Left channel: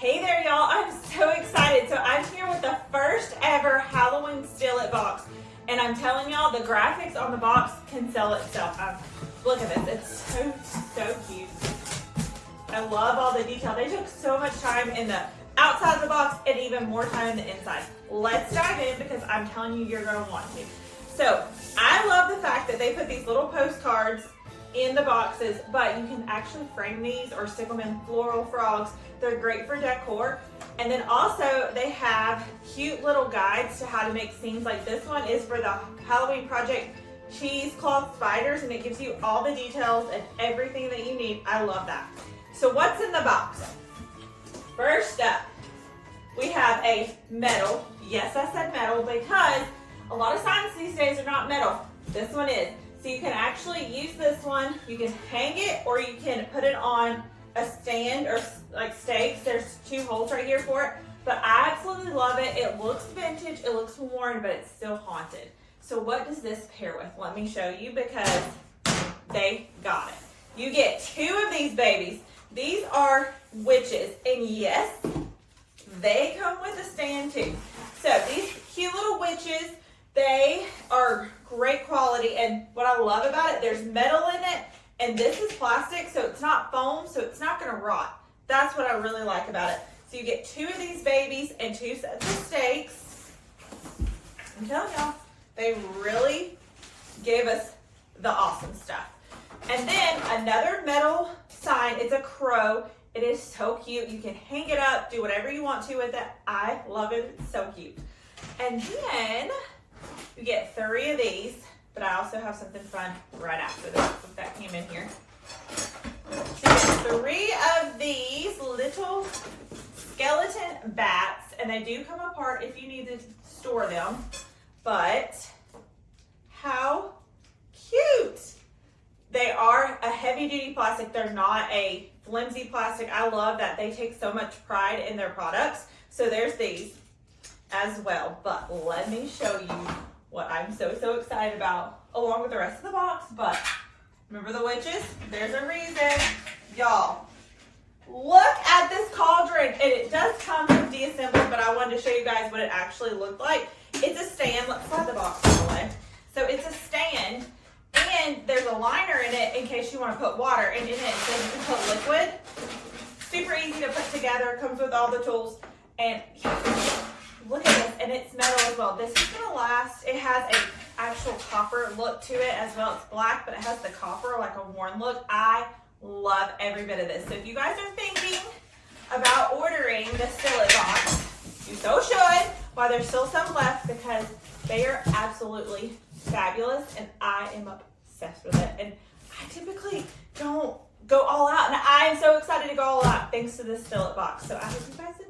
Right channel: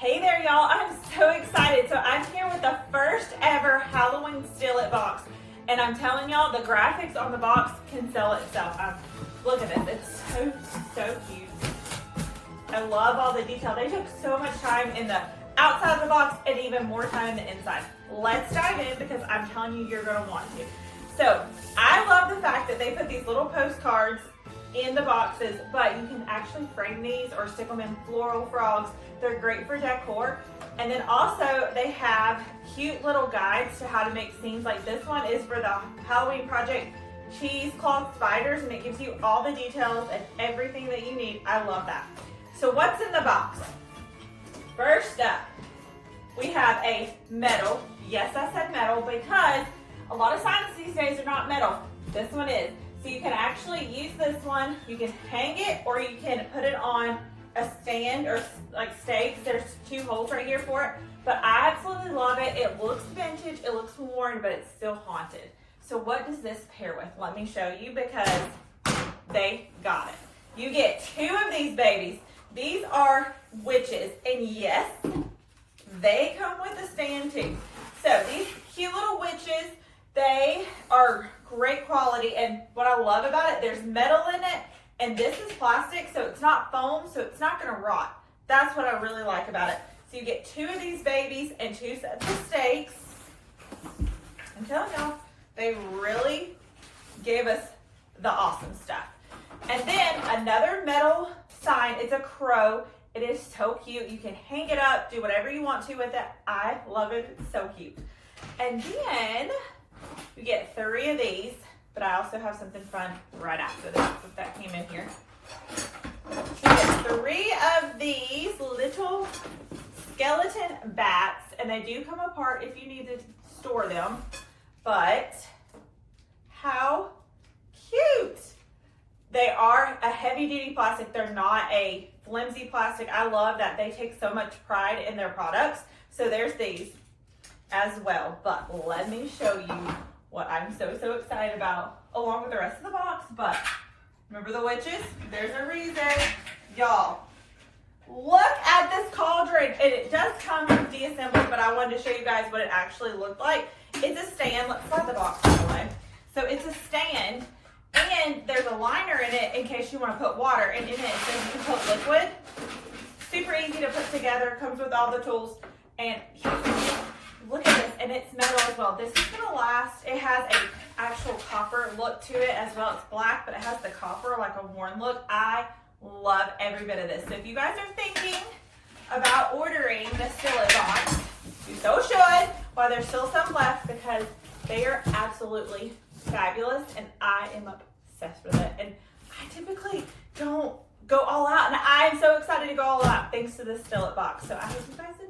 Hey there, y'all. I'm so excited. So I'm here with the first ever Halloween Steal-It box. And I'm telling y'all, the graphics on the box can sell itself. Look at this. It's so cute. I love all the detail. They took so much time in the outside of the box and even more time in the inside. Let's dive in because I'm telling you, you're going to want to. So I love the fact that they put these little postcards in the boxes, but you can actually frame these or stick them in floral frogs. They're great for decor. And then also they have cute little guides to how to make scenes. Like this one is for the Halloween project cheesecloth spiders, and it gives you all the details and everything that you need. I love that. So what's in the box? First up, we have a metal. Yes, I said metal because a lot of signs these days are not metal. This one is. So you can actually use this one. You can hang it or you can put it on a stand or like stakes. There's two holes right here for it. But I absolutely love it. It looks vintage, it looks worn, but it's still haunted. So what does this pair with? Let me show you because they got it. You get two of these babies. These are witches, and yes, they come with a stand too. So these cute little witches, they are great quality, and what I love about it, there's metal in it, and this is plastic, so it's not foam, so it's not gonna rot. That's what I really like about it. So you get two of these babies and two sets of stakes. I'm telling y'all, they really gave us the awesome stuff. And then another metal sign, it's a crow. It is so cute. You can hang it up, do whatever you want to with it. I love it, it's so cute. And then you get 3 of these, but I also have something fun right after this, if that came in here. So you get 3 of these little skeleton bats, and they do come apart if you need to store them, but how cute. They are a heavy duty plastic. They're not a flimsy plastic. I love that they take so much pride in their products. So there's these as well, but let me show you what I'm so excited about along with the rest of the box. But remember the witches? There's a reason. Y'all, look at this cauldron. And it does come deassembled, but I wanted to show you guys what it actually looked like. It's a stand. Let's slide the box away. So it's a stand, and there's a liner in it in case you want to put water, and in it says you can put liquid. Super easy to put together, comes with all the tools, and look at this, and it's metal as well. This is gonna last. It has a actual copper look to it as well. It's black, but it has the copper, like a worn look. I love every bit of this. So if you guys are thinking about ordering the Steal-It box, you so should while there's still some left because they are absolutely fabulous, and I am obsessed with it. And I typically don't go all out, and I am so excited to go all out thanks to this Steal-It box. So I hope you guys enjoy.